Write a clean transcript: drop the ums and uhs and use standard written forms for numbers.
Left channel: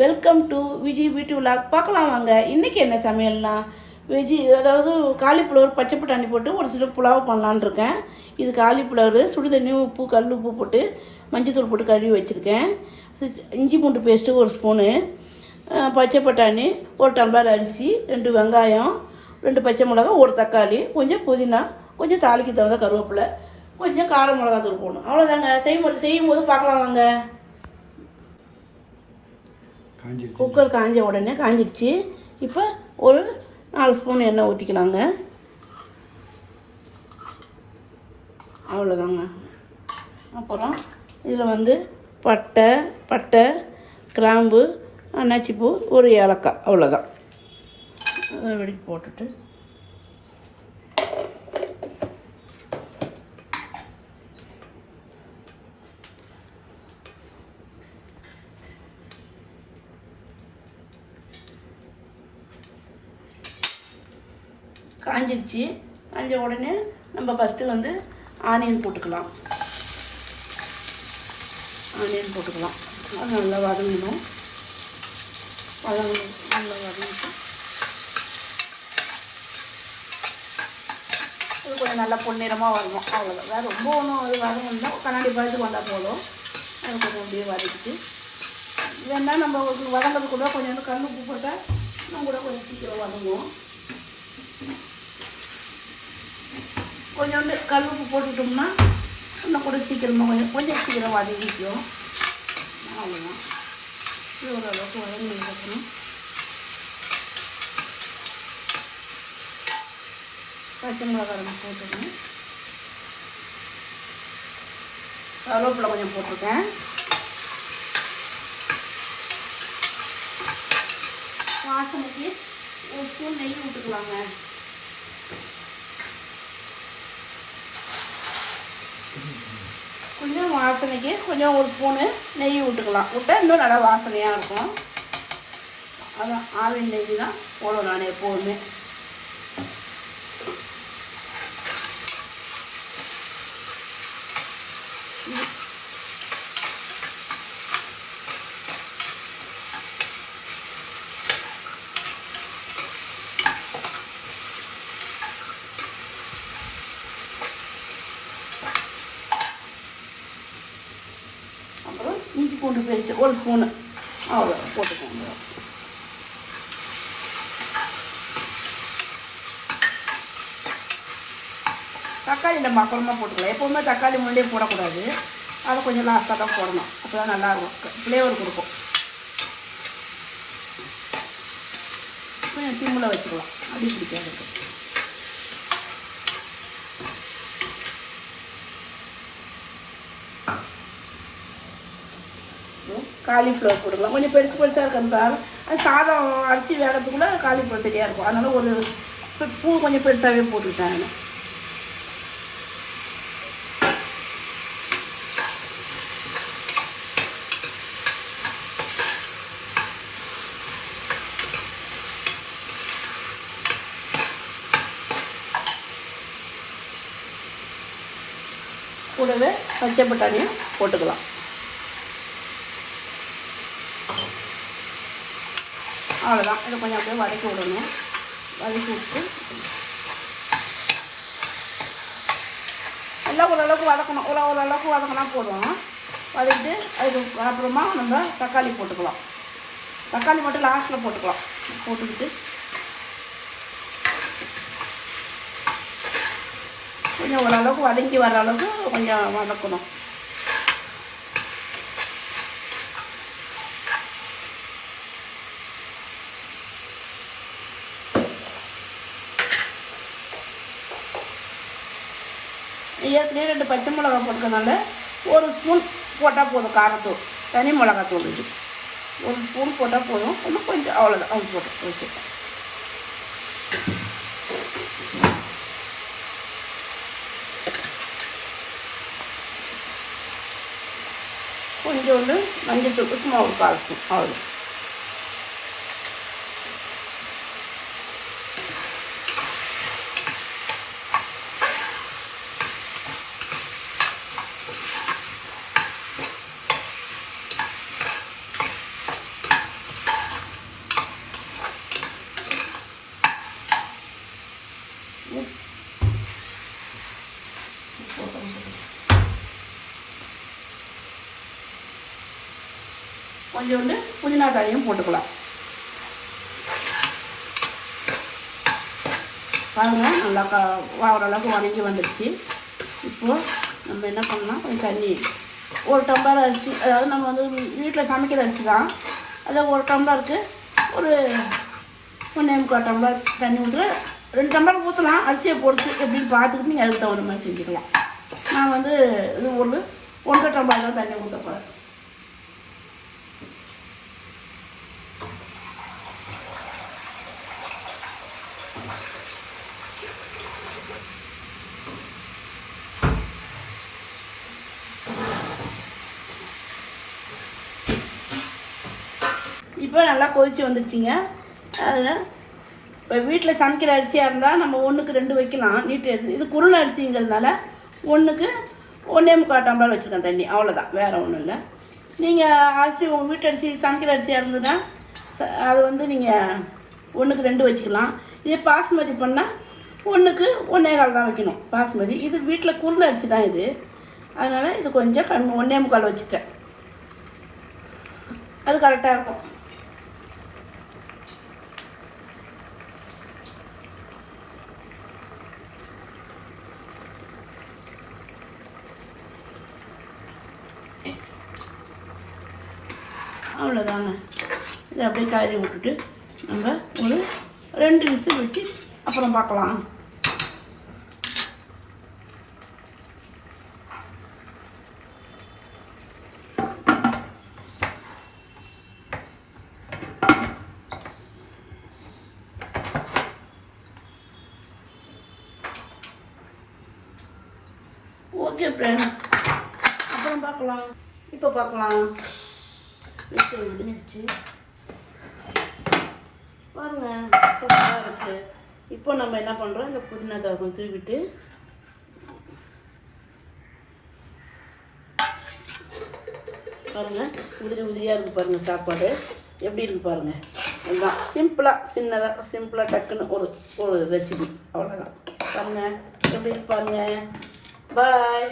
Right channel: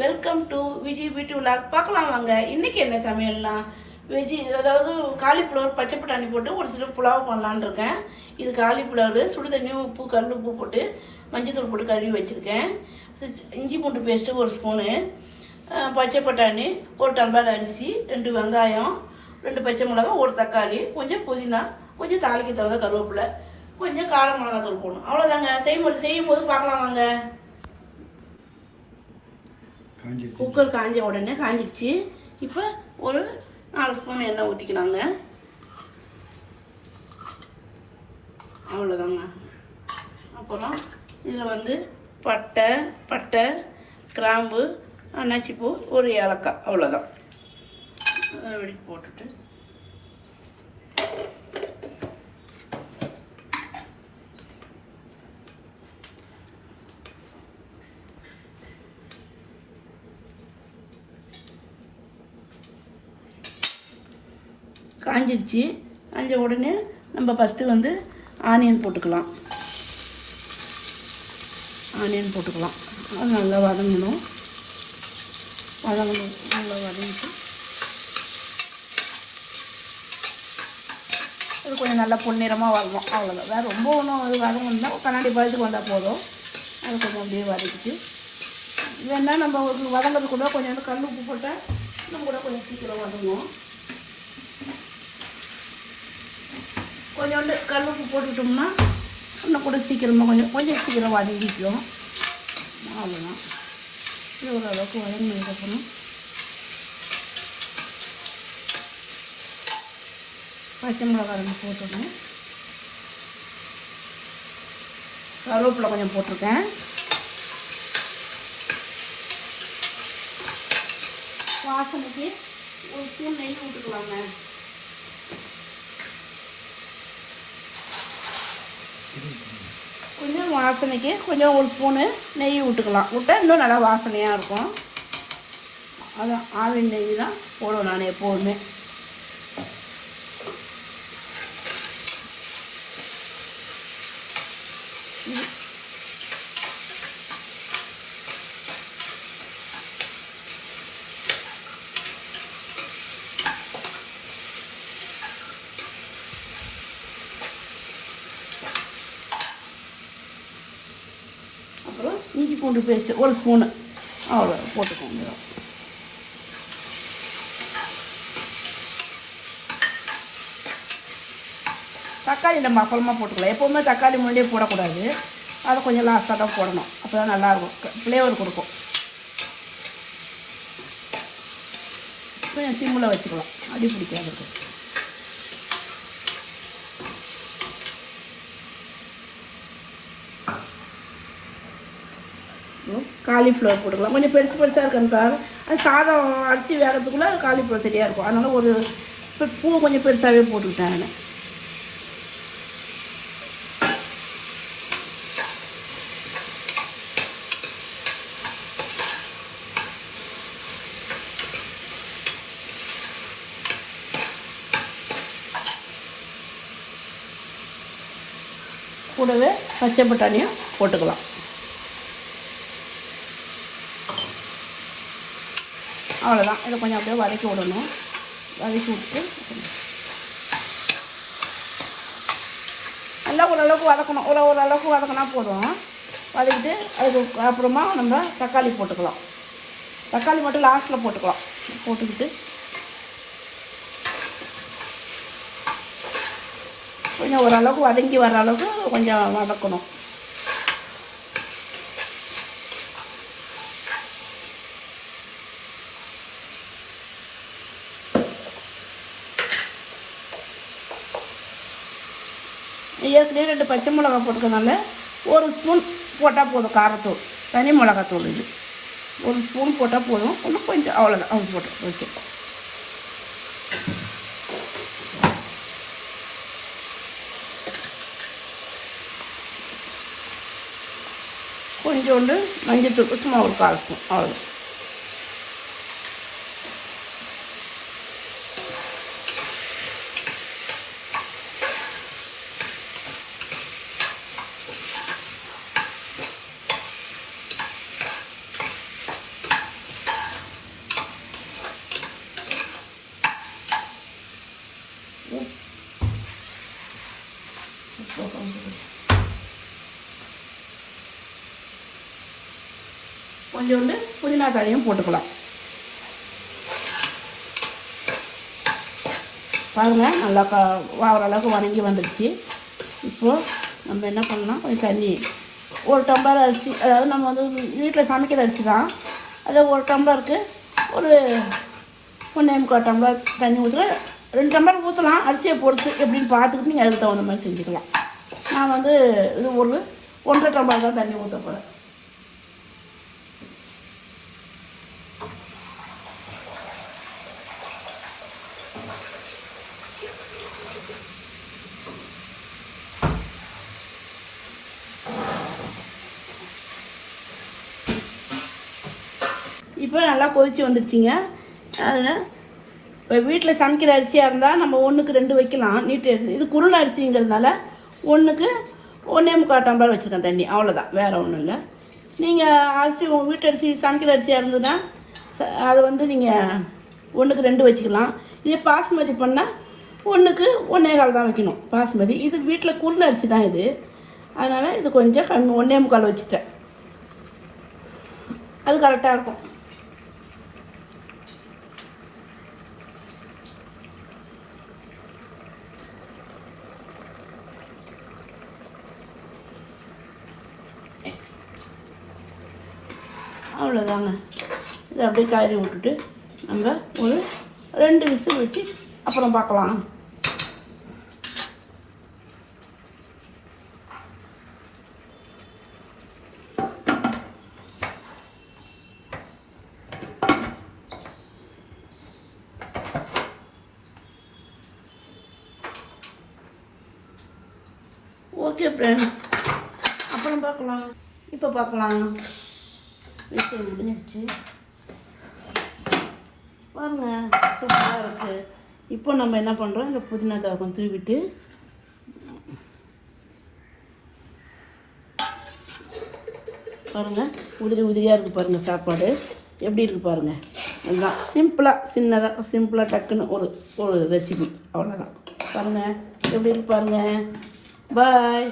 Welcome to Viji வீட்டு விழாக். பார்க்கலாம் வாங்க. இன்றைக்கி என்ன சமையல்னா அதாவது காலிஃப்ளவர் பச்சை பட்டாணி போட்டு ஒரு சிலர் புலாவ் பண்ணலான்னு இருக்கேன். இது காலிஃப்ளவர் சுடுதண்ணி உப்பு கல் உப்பு போட்டு மஞ்சத்தூள் போட்டு கழுவி வச்சுருக்கேன். இஞ்சி பூண்டு பேஸ்ட்டு ஒரு ஸ்பூனு, பச்சை பட்டாணி, ஒரு டம்ளர் அரிசி, 2 வெங்காயம், 2 பச்சை மிளகா, ஒரு தக்காளி, கொஞ்சம் புதினா, கொஞ்சம் தாளிக்கு தகுந்த கருவேப்பிலை, கொஞ்சம் கார மிளகா தூள் போடணும். அவ்வளோதாங்க. செய்யும்போது பார்க்கலாம் வாங்க. குக்கர் காஞ்ச உடனே காஞ்சிடுச்சு. இப்போ ஒரு 4 ஸ்பூன் எண்ணெய் ஊற்றிக்கலாங்க. அவ்வளோதாங்க. அப்புறம் இதில் பட்டை, கிராம்பு, அன்னாச்சிப்பூ, ஒரு ஏலக்காய், அவ்வளோதான். அதை வெடிக்கு போட்டுட்டு காஞ்சிடுச்சு. காஞ்ச உடனே நம்ம ஃபஸ்ட்டு ஆனியன் போட்டுக்கலாம். நல்லா வதங்கணும். நல்லா பொன்னிறமாக வதங்கும். அவ்வளோ ரொம்ப ஒன்றும் வதங்கணும். கண்ணாடி பழுத்து வந்தால் போதும். அது கொஞ்சம் வதக்கிட்டு வேணா நம்ம வதங்கிறதுக்குள்ள கொஞ்சம் கல் உப்பு போட்டால் இன்னும் கூட கொஞ்சம் சீக்கிரம் வதங்கும். கொஞ்சோண்டு கல் உப்பு போட்டுட்டோம்னா இன்னும் கூட சீக்கிரமாக கொஞ்சம் சீக்கிரம் வதங்கிக்கணும். அவ்வளோதான். ஓரளவுக்கு வதங்கிக்கணும். பச்சை மிளகா போட்டுக்கணும். கருவேப்பிலை கொஞ்சம் போட்டுருக்கேன். வாசலுக்கு ஒரு ஸ்பூன் நெய் விட்டுக்கலாங்க. கொஞ்சம் வாசனைக்கு கொஞ்சம் ஒரு ஸ்பூனு நெய் விட்டுக்கலாம். விட்டால் இன்னும் நல்லா வாசனையாக இருக்கும். அதான் ஆவின் நெய் தான் போடணும் நான் எப்போதுமே. அப்புறம் இஞ்சி பூண்டு பேஸ்ட்டு ஒரு ஸ்பூனு அவ்வளோ போட்டுக்கோங்க. தக்காளி நம்ம அப்புறமா போட்டுக்கலாம். எப்போவுமே தக்காளி முன்னாடியே போடக்கூடாது. அதை கொஞ்சம் லாஸ்ட்டாக தான் போடணும். அப்போ தான் நல்லாயிருக்கும், ஃப்ளேவர் கொடுக்கும். சிம்மில் வச்சுக்கலாம், அடி பிடிக்காது. காலிஃப்ளவர் போட்டுக்கலாம். கொஞ்சம் பெருசாக இருக்கணும் சார். சாதம் அரிசி வேறதுக்குள்ள காலிஃப்ளவர் சரியாக இருக்கும். அதனால் ஒரு பூ கொஞ்சம் பெருசாகவே போட்டுக்கிட்டேன். கூடவே பச்சை பட்டாணியும் போட்டுக்கலாம். அவ்வளோதான். இதை கொஞ்சம் அப்படியே வதக்கி விடணும். வதக்கி விட்டு நல்லா ஓரளவுக்கு வதக்கணும். ஓரளவுக்கு வதக்கினா போடணும். வதக்கிட்டு அதுக்கு அப்புறமா நம்ம தக்காளி போட்டுக்கலாம். தக்காளி மட்டும் லாஸ்ட்டில் போட்டுக்கலாம். போட்டுக்கிட்டு கொஞ்சம் ஓரளவுக்கு வதங்கி வர அளவுக்கு கொஞ்சம் வதக்கணும். ஏற்கனவே 2 பச்சை மிளகா போட்டுக்கிறதுனால ஒரு ஸ்பூன் போட்டால் போதும். காரத்தூள், தனி மிளகாத்தூள் ஒரு ஸ்பூன் போட்டால் போதும். கொஞ்சம் அவ்வளோதான். ஓகே. கொஞ்சோண்டு மஞ்சள் தூள் சும்மா ஒரு காரத்தூள், அவ்வளோ. கொஞ்சோண்டு புதினா தழையும் போட்டுக்கலாம். பாருங்கள் நல்லா ஓரளவுக்கு வதங்கி வந்துடுச்சு. இப்போது நம்ம என்ன பண்ணலாம், கொஞ்சம் தண்ணி, ஒரு டம்ளர் அரிசி, அதாவது நம்ம வந்து வீட்டில் சமைக்கிற அரிசி தான், அது ஒரு டம்ளருக்கு ஒரு 1.25 டம்ளர் தண்ணி ஊற்றுறேன். 2 டம்ளர் ஊற்றலாம், அரிசியை பொறுத்து எப்படின்னு பார்த்துக்கிட்டு நீங்கள் அதுக்கு தகுந்த மாதிரி செஞ்சுக்கலாம். நான் வந்து இது ஒரு 1.5 டம்ளர் தான் தண்ணி ஊற்றப்போகிறேன். இப்போ நல்லா கொதிச்சு வந்துடுச்சிங்க. அதில் இப்போ வீட்டில் சமைக்கிற அரிசியாக இருந்தால் நம்ம 1க்கு 2 வைக்கலாம், நீட்டு எடுத்து. இது குருணை அரிசிங்கிறதுனால 1க்கு 1.25 டம்ளர் வச்சுருக்கேன் தண்ணி, அவ்வளோதான், வேறு ஒன்றும் இல்லை. நீங்கள் அரிசி உங்கள் வீட்டு அரிசி சமைக்கிற அரிசியாக இருந்ததுன்னா அதை வந்து நீங்கள் 1க்கு 2 வச்சுக்கலாம். இதே பாஸ்மதி பண்ணால் 1க்கு 1.25 தான் வைக்கணும் பாஸ்மதி. இது வீட்டில் குருணை அரிசி தான் இது, அதனால் இது கொஞ்சம் 1.25 வச்சுட்டேன், அது கரெக்டாக இருக்கும். அவ்வளோதாங்க. இதை அப்படியே கலரி விட்டுட்டு நம்ம ஒரு 2 விசில் வச்சு அப்புறம் பார்க்கலாம். ஓகே ஃப்ரெண்ட்ஸ், அப்புறம் பார்க்கலாம். இப்போ பார்க்கலாம். விசில் விடுச்சு பாருங்கள், சூப்பராக இருக்குது. இப்போ நம்ம என்ன பண்ணுறோம், இந்த புதினா தழை கொஞ்சம் தூவிட்டு பாருங்கள், உதிரியாக இருக்குது பாருங்கள். சாப்பாடு எப்படி இருக்குது பாருங்கள். சிம்பிளாக சின்னதாக சிம்பிளாக டக்குன்னு ஒரு ரெசிபி, அவ்வளோதான். பாருங்கள் எப்படி இருக்கு பாருங்கள். பாய்.